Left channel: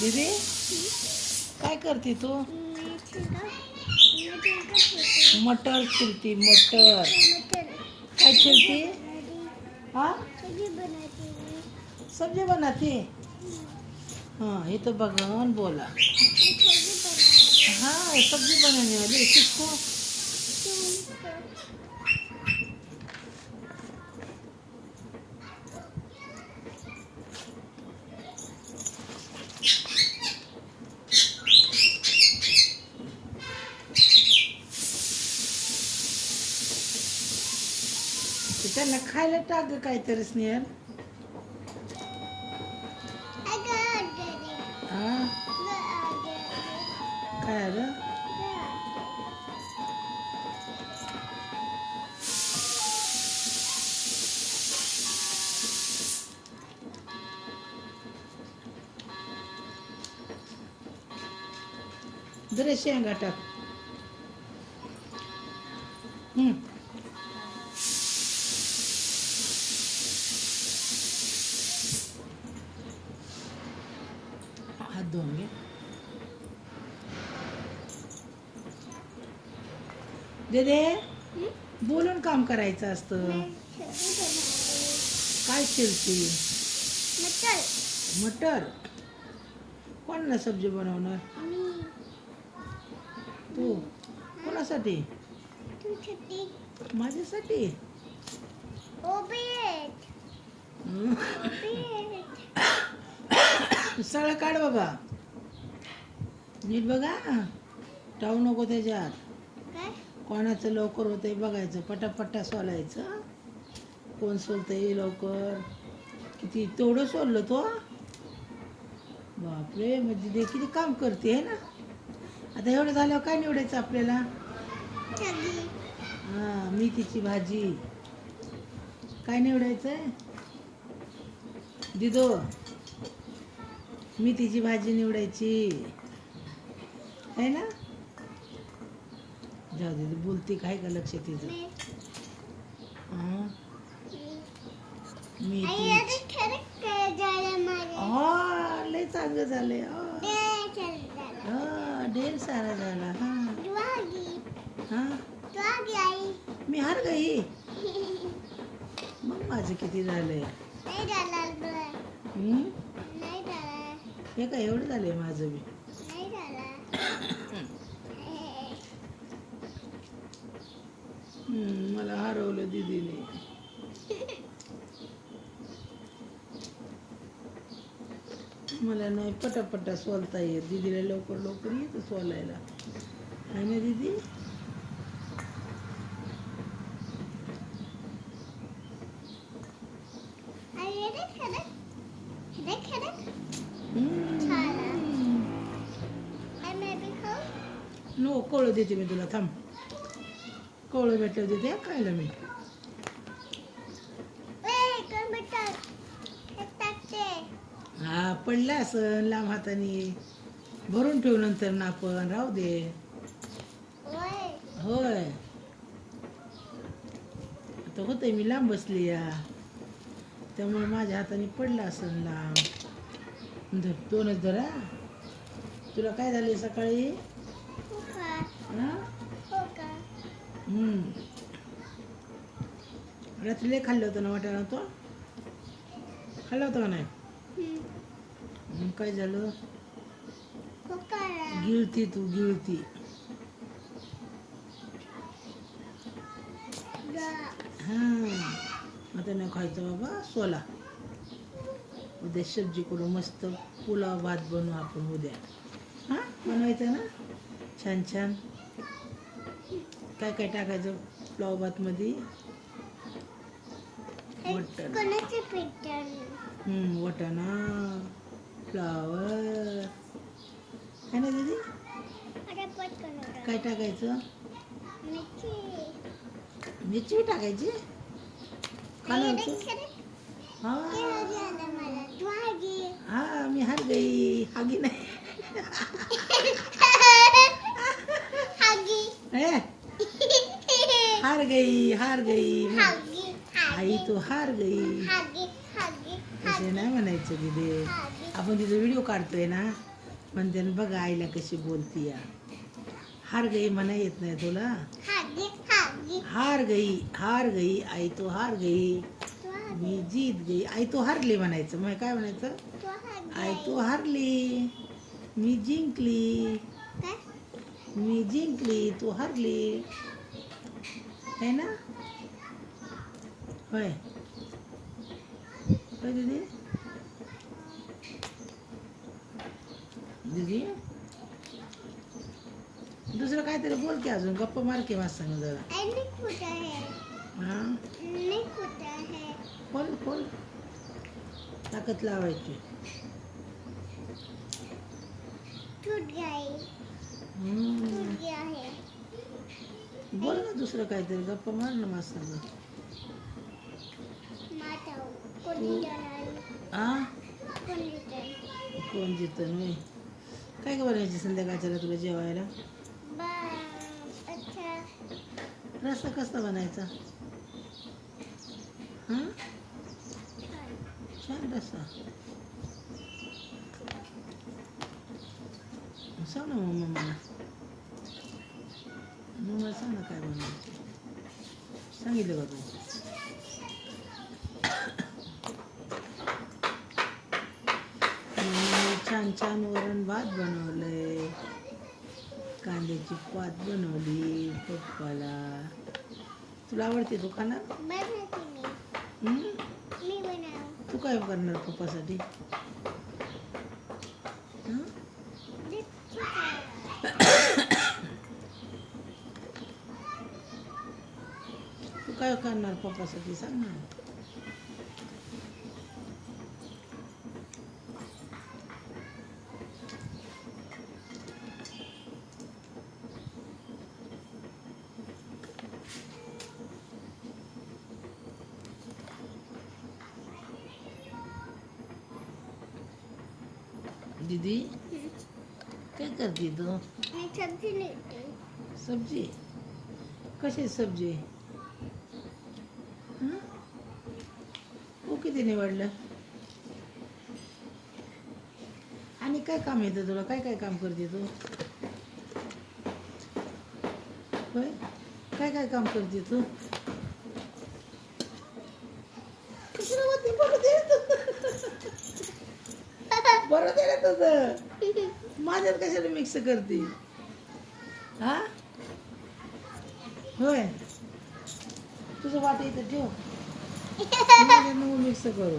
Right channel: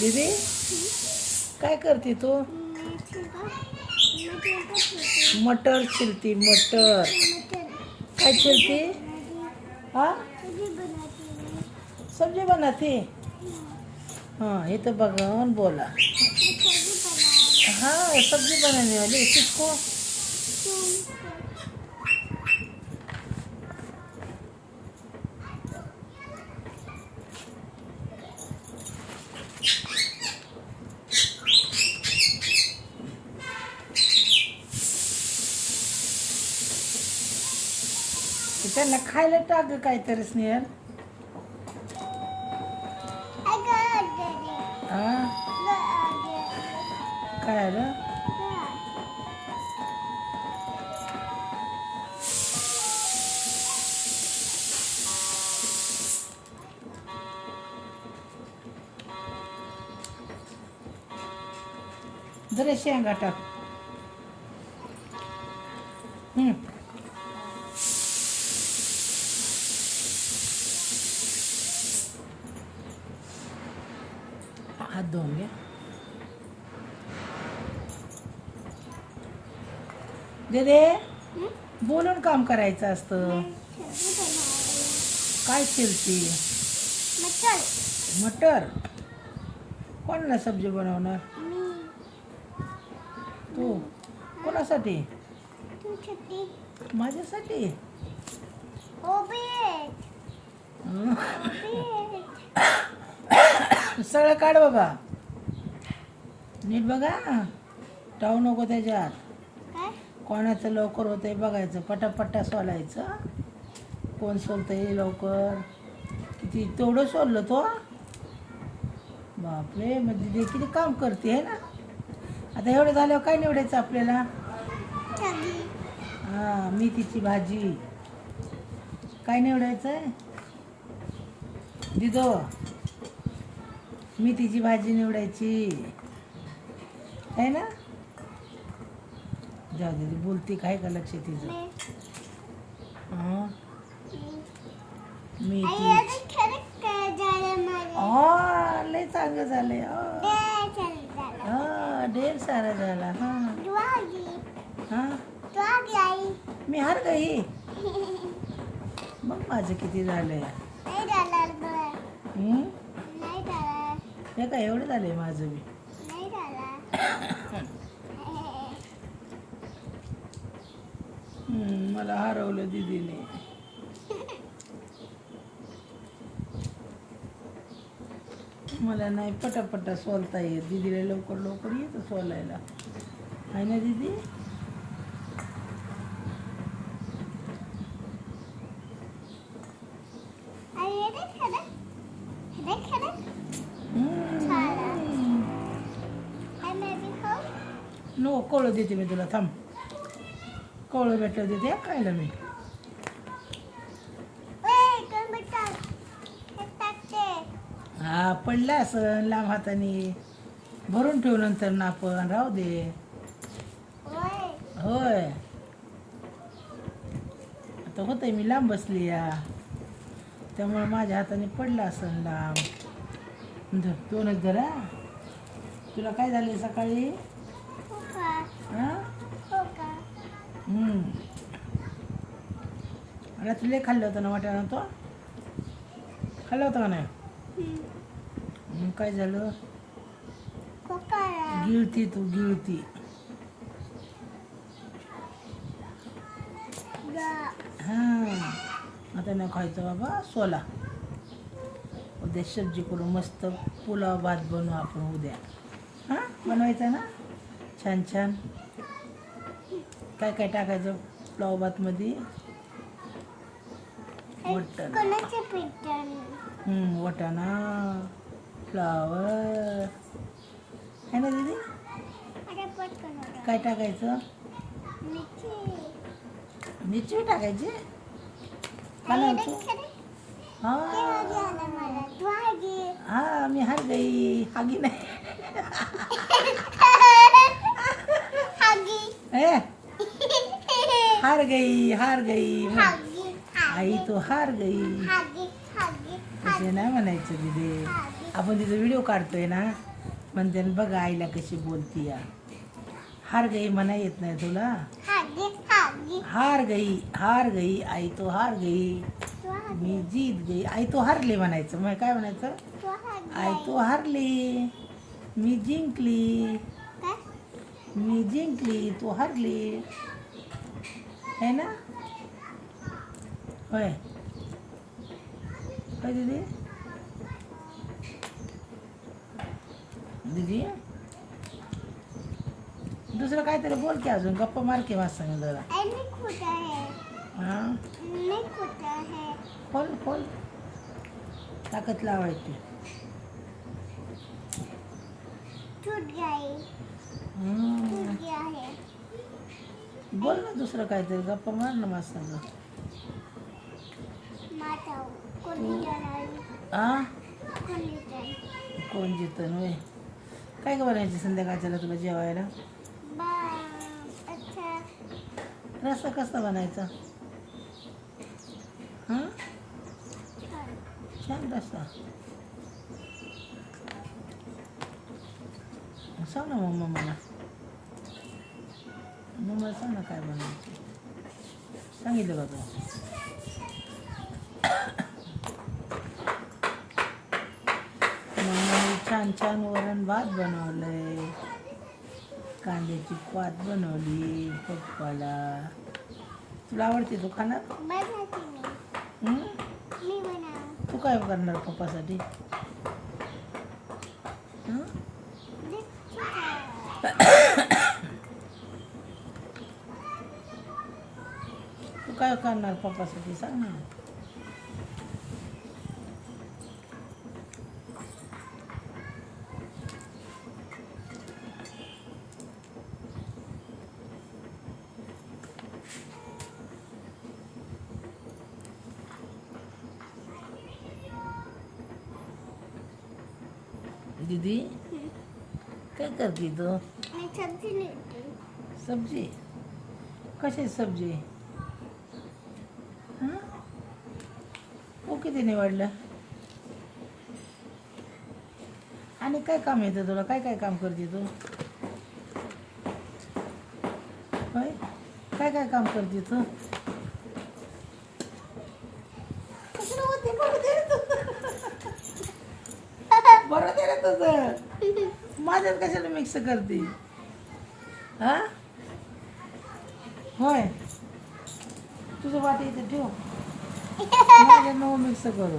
दीदी काय करते तू? मटर छिलती मटर. काय छिलती? हाँ सब्जी बनाती. हाँ ये तो भगवान बोला. हाँ सब्जी बनाने वाली किसको? त्यांना खायला टाक काहीतरी स्नेहल. हा काय आलं? जरा शेंगा टाक. हात धुवून घे. दे बोलून काम करायचं असतं. काय चिरती? मटर. कोणाला सब्जी बनवणार? तू कोणासाठी? माझ्यासाठी. सगळं काढ बाबा. नीट बघा. टाळू नको त्याच्यात. कोणाचं लवकर होतंय बघायचं. पटापट्टा सोलायचं. कोण सोलतंय लवकर. किती तेवढं सोललं तो. बापरे म्हणजे ते किती काम करते है ना. आता एवढं झाल्यावर काय निवडायचं आपल्याला? हां मेथीची भाजी. काय निवडायचं आहे दिदो? मेथीची भाजी निवडायची आहे ना. जाऊ दे बोलते काय का लक्ष तिचं. हां मेथी. हा लय चांगलं झालंय. हा ढेर सारा झाला. हां मी हार गई. मग माझं किती झालंय? हे काय एवढं झालंय माझं बी. मला हरवलं दीदीने. मला नाही पटापटा सोलता येत. दीदीला लवकर लवकर येतं सोलायला आहे ना दीदी. नो कवळं देते मी तुला. थांब कवळं भेटलं देते खायला मी. हा पडला असं लांब हाताने. भरून ठेवू नंतर ना आपण. राहू दे. होय आता होतंय मी लांब बसली या त्यामुळे माझ्या हाताने पडला असं लांब. दोनच जरा. तुला काय झालं सकाळी? रात्री लय खाल्लं होतं ना वाटाणा. तो खाल्लं होतं का नाही? काय झालं? गिळती तू गिळती. हां आता न खायचं बाबा. सोला. उद्या सब्जी करू मस्त. पुलाव भात बनवू आपण उद्या. हां बनवायचं ना छान छान. काय काय टाकायचं पुलाव भातमध्ये? वाटाणा फ्लावर है ना दीदी. काय टाकायचं? मिरची टाकायची. हां मी हार गई. हागी नाही. हार गई हार गई. आई तो हार गई. नाही म्हणायचं दीदी. आपण तिचा व्हिडिओ काढतोय ना. म्हणते ना, बघ आईला कशी बोलती या. हार गई म्हणा येत नाही तुला. हार गई आई तो हार गई, मी जीत गई. आई तो हारली म्हणायचं. मग काय म्हणायचं? आई तो हारली, मी जिंकली. मी जिंकली, तू हारली. है ना? होय होय दीदी. दीदी दुसरं काहीतरी बोल की, अजून गप्पा मार की वाचताना जरा. हां खोल खोल, ताकद लावायची. बोल ना दुसरं काहीतरी, गप्पा मार ना वाचताना. हां कोण जितन होय. काय का बनायची संध्याकाळच्याला तुला जेवायला? रस्सा कसा बनायचा? हां छान रस्सा. सांग ना मम्मा मला. मम्मा सांग ना काय बनायचं. सांगितलं का तू? छान छान वरण भात बनवलंय, कांद्याची पात बनवली पप्पाला. तुला आवडते तू खाणार? तू काय करणार पप्पासाठी? तू काय करणार पप्पासाठी सांग ना. दीदी काय करते तू? सब्जी कशी सब्जी? तू किती निवडलं? आणि काय काम येतं तुला? काय काय काम करते तू? होय काय काय काम करते तू? बरं दे रे तुझं. माझ्यात कशाला मिक्स करते? हा होय तुझं वाट इथं ठेव. माझं नको मिक्स करू.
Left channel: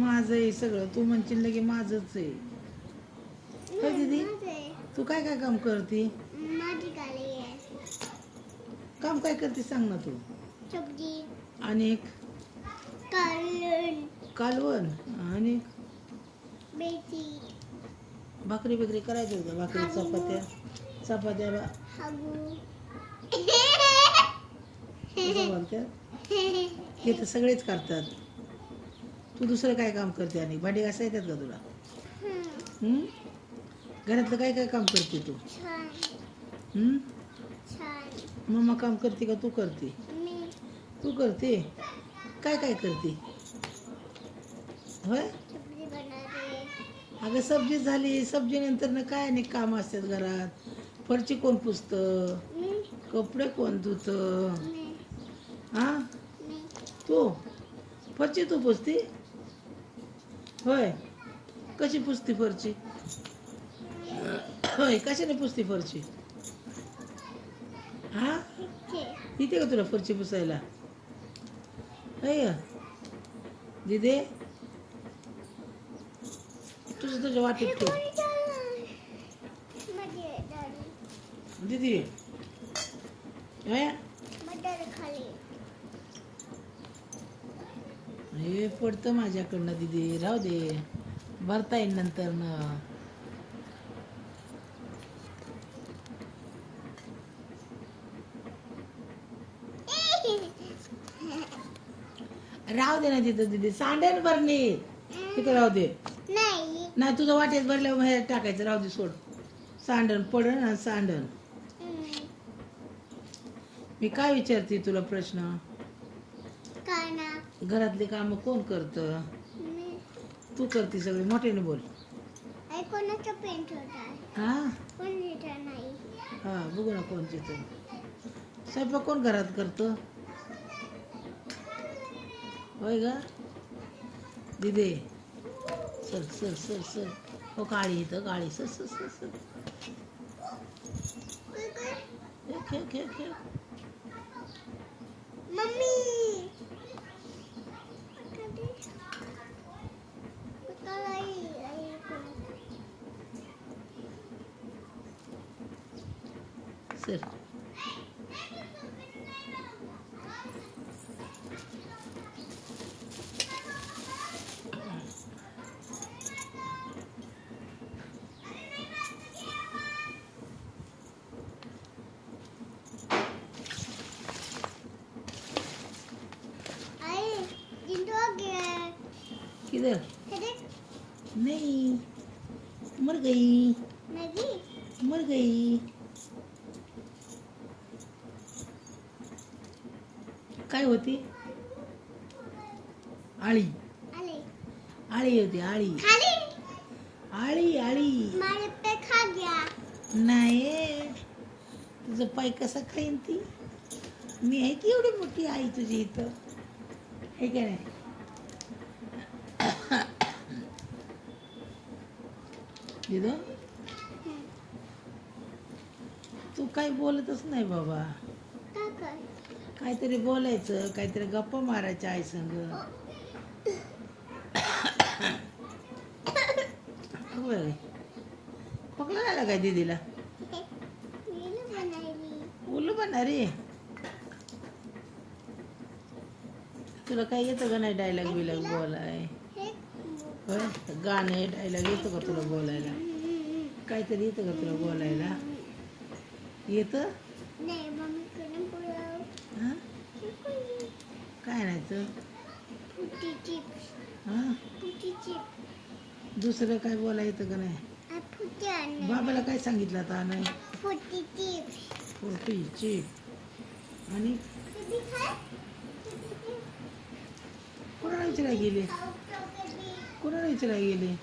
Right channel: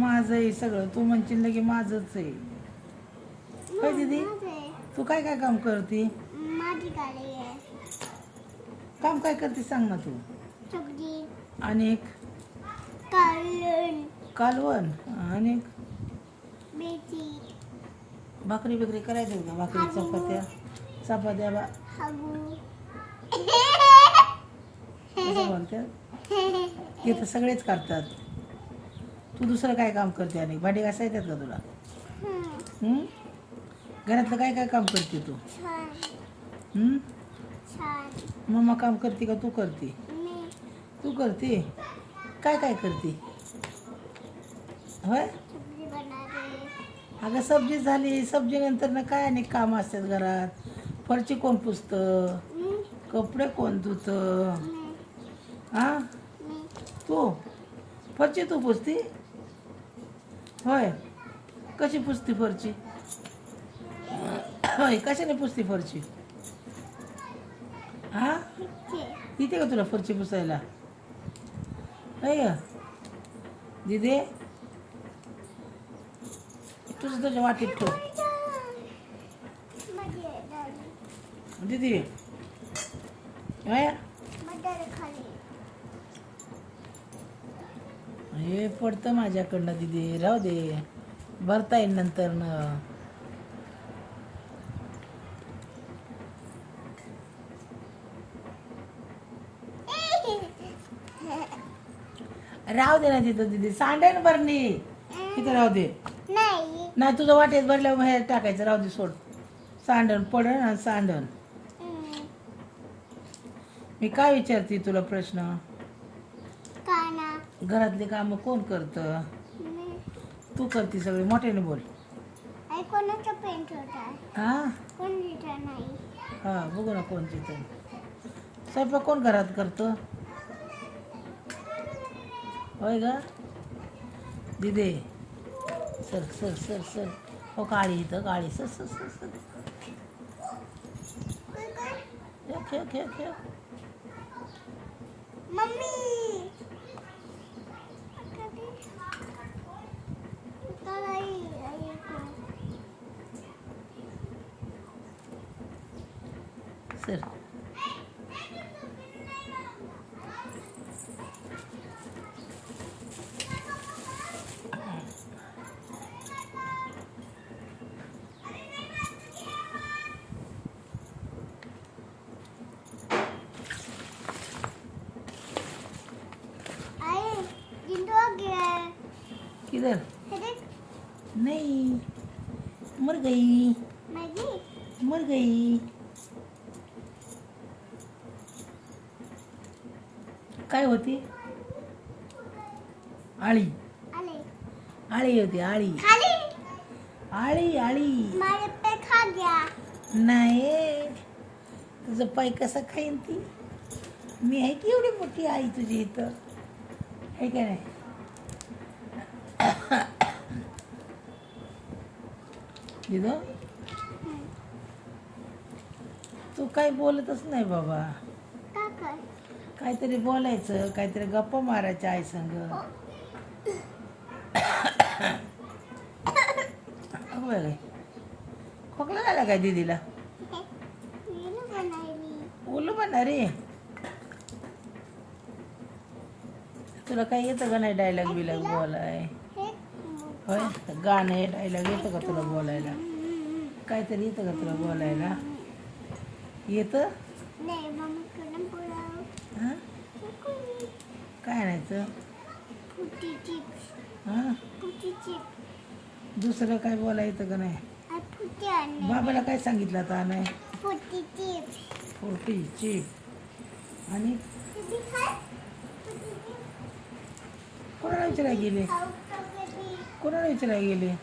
माझं आहे सगळं. तू म्हणशील की माझंच आहे. काय दीदी तू काय काय काम करते? काम काय करते सांग ना तू. आणि कालवण आणि भाकरी बिकरी करायचं का? भाकरी चपात्या चपात्याला हे तर सगळेच करतात. तू दुसरं काय काम करते? आणि भांडी घासा येतात का तुला? घरातलं काय काय काम करते तू? मम्मा काम करते का तू करते? तू करते. काय काय करते? होय अगं सब्जी झाली. सब्जी नंतर ना काय आणि काम असतात घरात. फरची कोण पुसतं? कपडे कोण धुतं? हां तू फरची तू पुसती? होय कशी पुसती फरची? होय कशाने पुसती फरची? हां येते का तुला फरची पुसायला? नाही का दीदी? तुझं तुझ्या वाटीत ठेव दीदी. हे पडतं माझ्याकडनं दीदी. राहू दे भरता येईल नंतर न. राहू दे ना तिथं दीदी. सांडेल भरणी तिथं राहू दे. नाही तुझं वाटेत भरल्यावर बाहेर टाकायचं. राहू दे सोड. सांडण पडण आणि सांडण. मी काय विचारते तुला प्रश्न? घरातले काम कोण करतं? तू करते सगळी. मोठ्याने बोल. कोणाचा पेंट होता हा कोण लिहिता नाही हा बघू ना कोण चित्र स्वयंपाक कोण घरात करतो होय ग दिदे सर सर सर सर हो काळी इथं काळी सर सर सर सर खेळ खेळ खेळ खेळ मम्मी सर किधर नहीं मर गई मर गई काय होती आळी आळी होती आळी आळी आळी नाही तुझं पाय कसा खाईन ती मी आहे की एवढी मोठी आई तुझी इथं आहे का नाही दिदो तू काही बोलतच नाही बाबा काहीतरी बोलायचं काहीतरी गप्पा मारायच्या आई संग बरं खोकला झाला काय दीदीला उलू बनणार रे तुला काय येतं का नाही डायलॉग बिलॉग बोलाय होय गाणं हे डायलॉग येतं का तुला बोलायला काहीतरी येतं का तुला बोलायला येतं हां काय आणायचं हां दुसरं काय बोलायचं का नाही बाबाला काय सांगितलं आता आणाय फुर्ती चिप आणि कोणाला विचारायला गेले कोणाला विचारायला गेले